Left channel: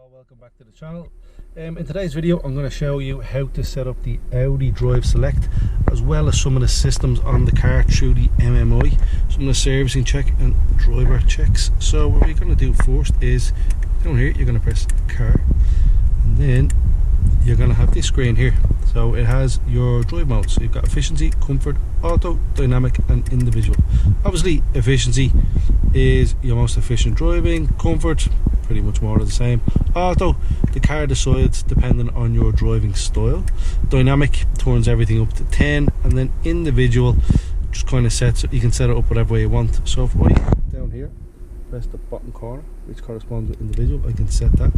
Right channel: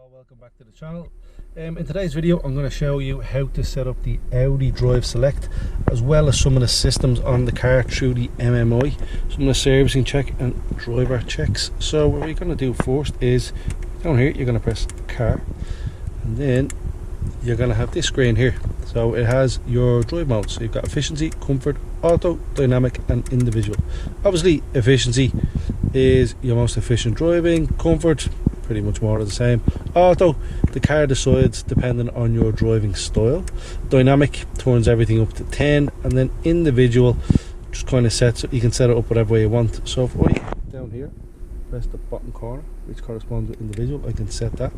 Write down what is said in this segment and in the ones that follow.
all, welcome back to the channel. In today's video I'm going to show you how to set up the Audi Drive Select, as well as some of the systems on the car through the MMI, some of the servicing check and driver checks. So what we're going to do first is, down here you're going to press car, and then you're going to have this screen here. So it has your drive modes. So you've got efficiency, comfort, auto, dynamic and individual. Obviously efficiency is your most efficient driving. Comfort, pretty much more of the same. Auto, the car decides depending on your driving style. Dynamic turns everything up to 10, and then individual just kind of sets it. You can set it up whatever way you want. So if I down here press the bottom corner, which corresponds with individual, I can set that.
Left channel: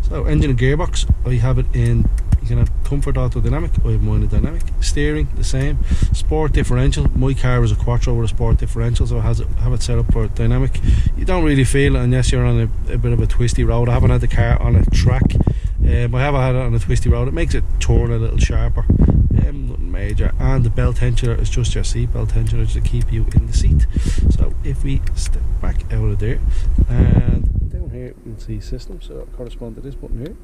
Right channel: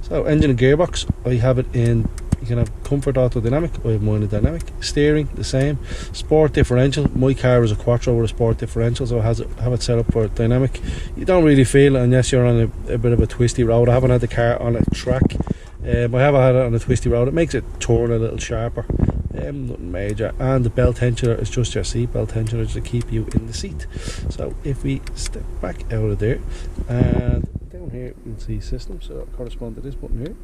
So engine and gearbox, I have it in, you can have comfort, auto, dynamic. I have mine in dynamic. Steering, the same. Sport differential, my car is a Quattro with a sport differential, so I have it set up for dynamic. You don't really feel it unless you're on a bit of a twisty road. I haven't had the car on a track, I haven't had it on a twisty road. It makes it turn a little sharper, nothing major. And the belt tensioner is just your seat belt tensioner to keep you in the seat. So if we step back out of there, and down here you can see system, so it'll correspond to this button here.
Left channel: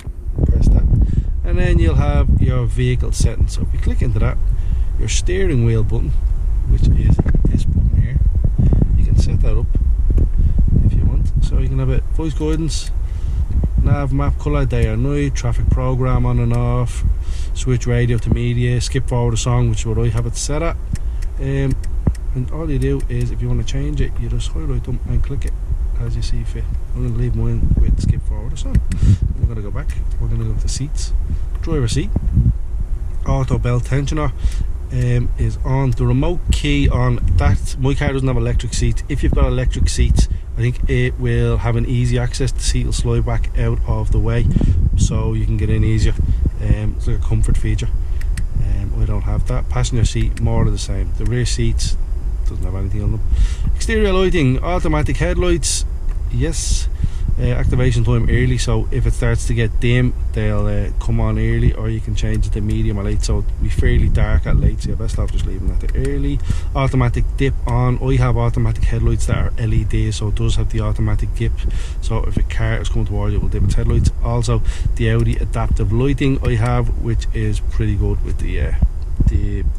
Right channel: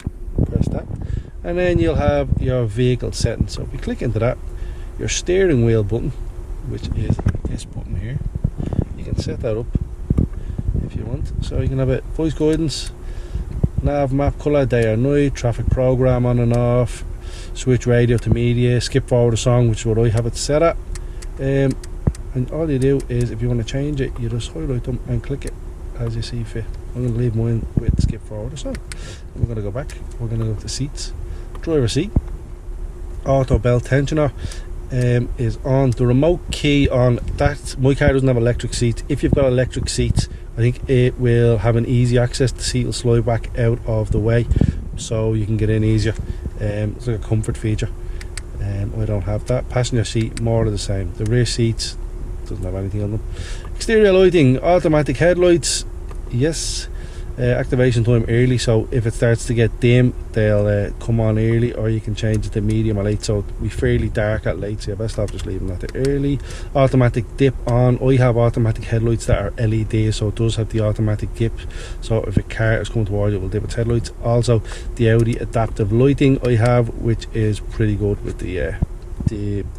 Press that, and then you'll have your vehicle settings. So if we click into that, your steering wheel button, which is this button here, you can set that up if you want. So you can have it voice guidance, nav, map, colour, day or night, traffic program on and off, switch radio to media, skip forward a song, which is what I have it set at. And all you do is, if you want to change it, you just highlight them and click it as you see fit. I'm going to leave mine with skip forward a song. We're going to go back, we're going to go to seats. Driver seat, auto belt tensioner is on. The remote key on that, my car doesn't have electric seats. If you've got electric seats, I think it will have an easy access. The seat will slide back out of the way so you can get in easier. It's like a comfort feature. I don't have that. Passenger seat, more of the same. The rear seats doesn't have anything on them. Exterior lighting, automatic headlights, yes. Activation time early, so if it starts to get dim they'll come on early, or you can change it to medium or late, so it'll be fairly dark at late, so you're best off just leaving that to early. Automatic dip on. I have automatic headlights that are LED, so it does have the automatic dip, so if a car is coming towards you it will dip its headlights. Also the Audi adaptive lighting I have, which is pretty good with the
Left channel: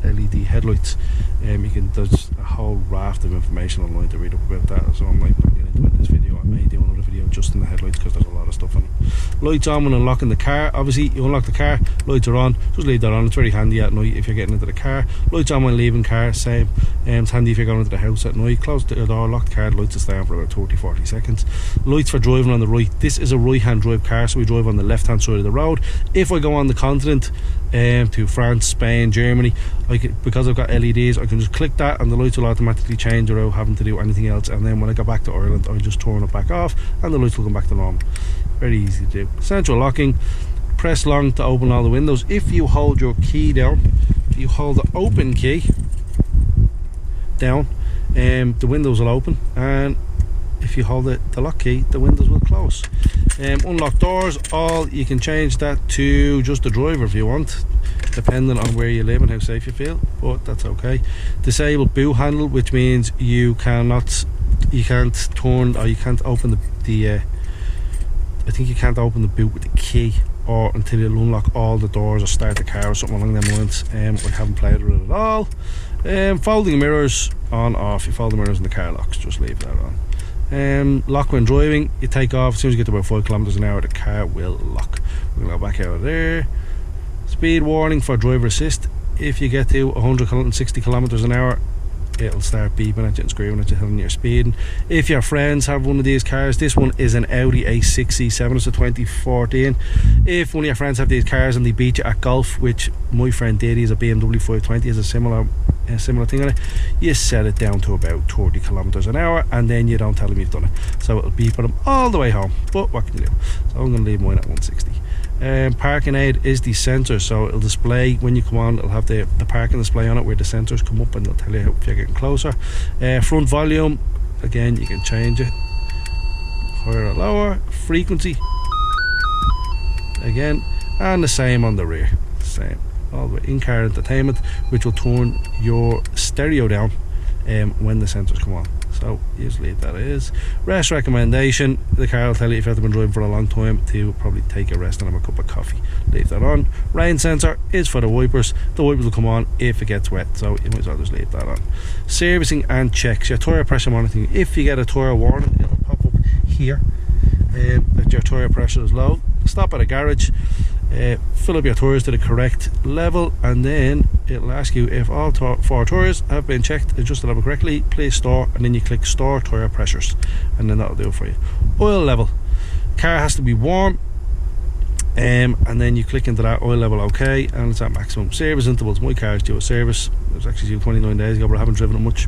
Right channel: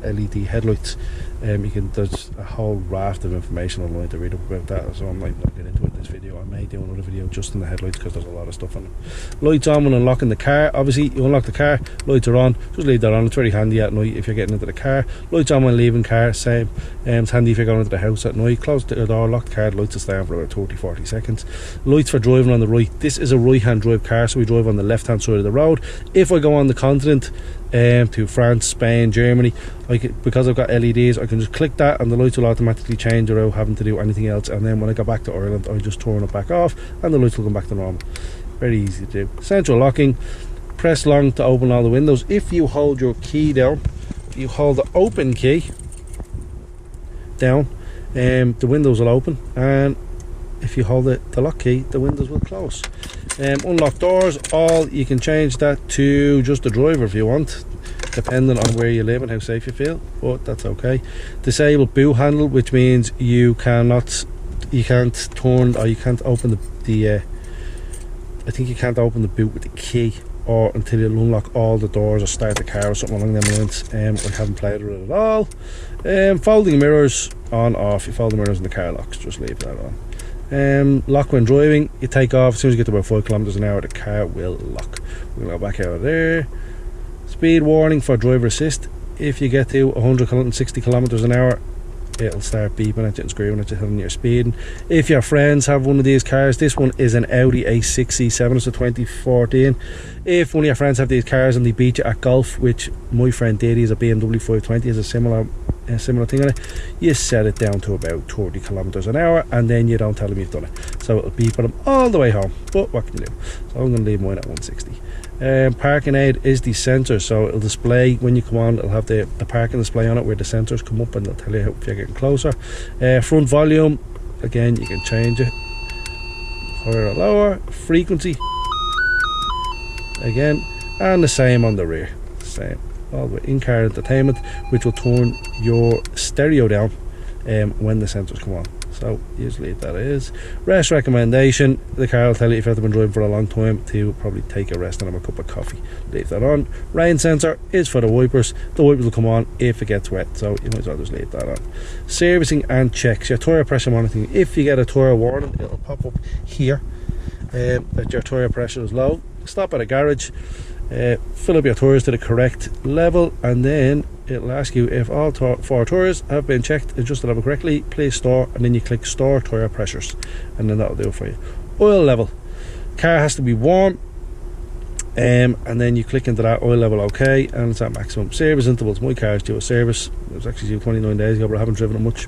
LED headlights. There's a whole raft of information online to read up about that, so I'm not going to get into it in this video. I may do another video just in the headlights because there's a lot of stuff on them. Lights on when unlocking the car. Obviously you unlock the car, lights are on, just leave that on. It's very handy at night if you're getting into the car. Lights on when leaving car, same. It's handy if you're going into the house at night. Close the door, lock the car, the lights will stay on for about 30-40 seconds. Lights for driving on the right. This is a right hand drive car, so we drive on the left hand side of the road. If I go on the continent to France, Spain, Germany, because I've got LEDs, I can just click that and the lights will automatically change without having to do anything else. And then when I go back to Ireland, I just turn it back off and the lights will come back to normal. Very easy to do. Central locking, press long to open all the windows. If you hold your key down, if you hold the open key down, the windows will open, and if you hold the lock key, the windows will close. Unlock doors, all, you can change that to just the driver if you want, depending on where you live and how safe you feel, but that's okay. Disable boot handle, which means you can't turn, or you can't open the I think you can't open the boot with the key, or until you unlock all the doors or start the car or something along them lines. I haven't played with it at all. Folding mirrors, on, off. You fold the mirrors and the car locks, just leave that on. Lock when driving, you take off as soon as you get to about 5 kilometers an hour, the car will lock. We're going to go back out of there. Speed warning for driver assist. If you get to 160 kilometers an hour, it'll start beeping at you and screaming at you, telling you're speeding. If your friends have one of these cars, this one is an Audi A6 C7, it's a 2014. If one of your friends have these cars and they beat you at golf, which my friend did, he's a BMW 520, has a similar thing on it, you set it down to about 30 kilometers an hour and then you don't tell him you've done it, so it'll beep at him all the way home. But what can you do? So I'm going to leave mine at 160. Parking aid is the sensor, so it'll display when you come on, it'll have the parking display on it where the sensors come up and they'll tell you if you're getting closer. Front volume, again you can change it, higher or lower. Frequency, again, and the same on the rear, same all the way. In-car entertainment, which will turn your stereo down when the sensors come on. so usually that is. Rest recommendation, the car will tell you if you have been driving for a long time to probably take a rest and have a cup of coffee. Leave that on. Rain sensor is for the wipers. The wipers will come on if it gets wet, so you might as well just leave that on. Servicing and checks, your tyre pressure monitoring. If you get a tyre warning, it'll pop up here that your tyre pressure is low. Stop at a garage, fill up your tyres to the correct level, and then it'll ask you if all 4 tyres have been checked, adjusted level correctly, please store, and then you click store tyre pressures, and then that'll do it for you. Oil level, car has to be warm, and then you click into that oil level, okay, and it's at maximum. Service intervals, my car is due a service. It was actually due 29 days ago, but I haven't driven it much,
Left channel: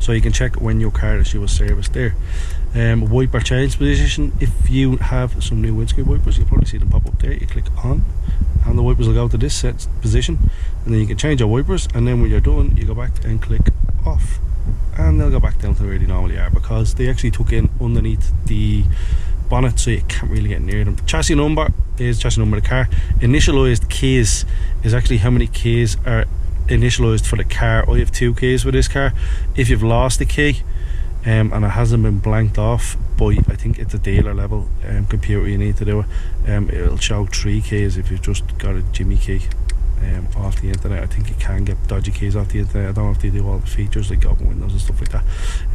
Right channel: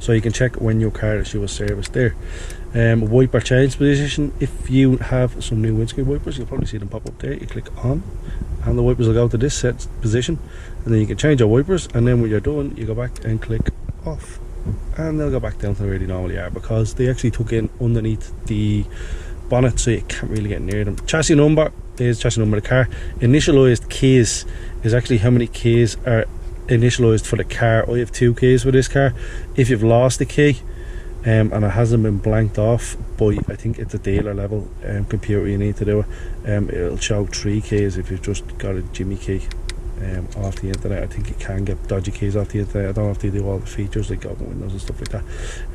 so you can check when your car is due a service there. Wiper change position, if you have some new windscreen wipers, you'll probably see them pop up there. You click on and the wipers will go to this set position, and then you can change your wipers, and then when you're done you go back and click off and they'll go back down to where they normally are, because they actually took in underneath the bonnet, so you can't really get near them. Chassis number is chassis number of the car. Initialized keys is actually how many keys are initialized for the car. I have 2 keys with this car. If you've lost the key and it hasn't been blanked off by, I think it's a dealer level computer, you need to do it, it'll show 3 keys if you've just got a Jimmy key off the internet. I think you can get dodgy keys off the internet. I don't have to do all the features like open windows and stuff like that.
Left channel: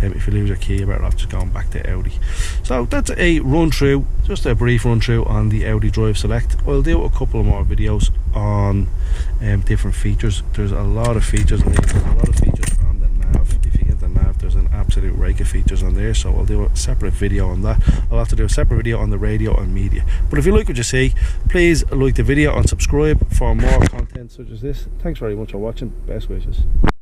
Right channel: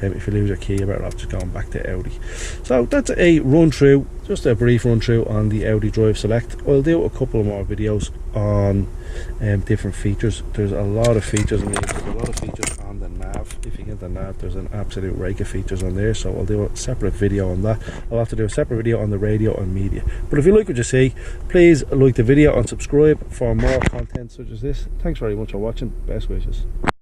If you lose your key, you're better off just going back to Audi. So that's a run through, just a brief run through on the Audi Drive Select. I'll do a couple of more videos on different features. There's a lot of features in there. There's a lot of features on the nav. If you get the nav, there's an absolute rake of features on there, so I'll do a separate video on that. I'll have to do a separate video on the radio and media. But if you like what you see, please like the video and subscribe for more content such as this. Thanks very much for watching. Best wishes.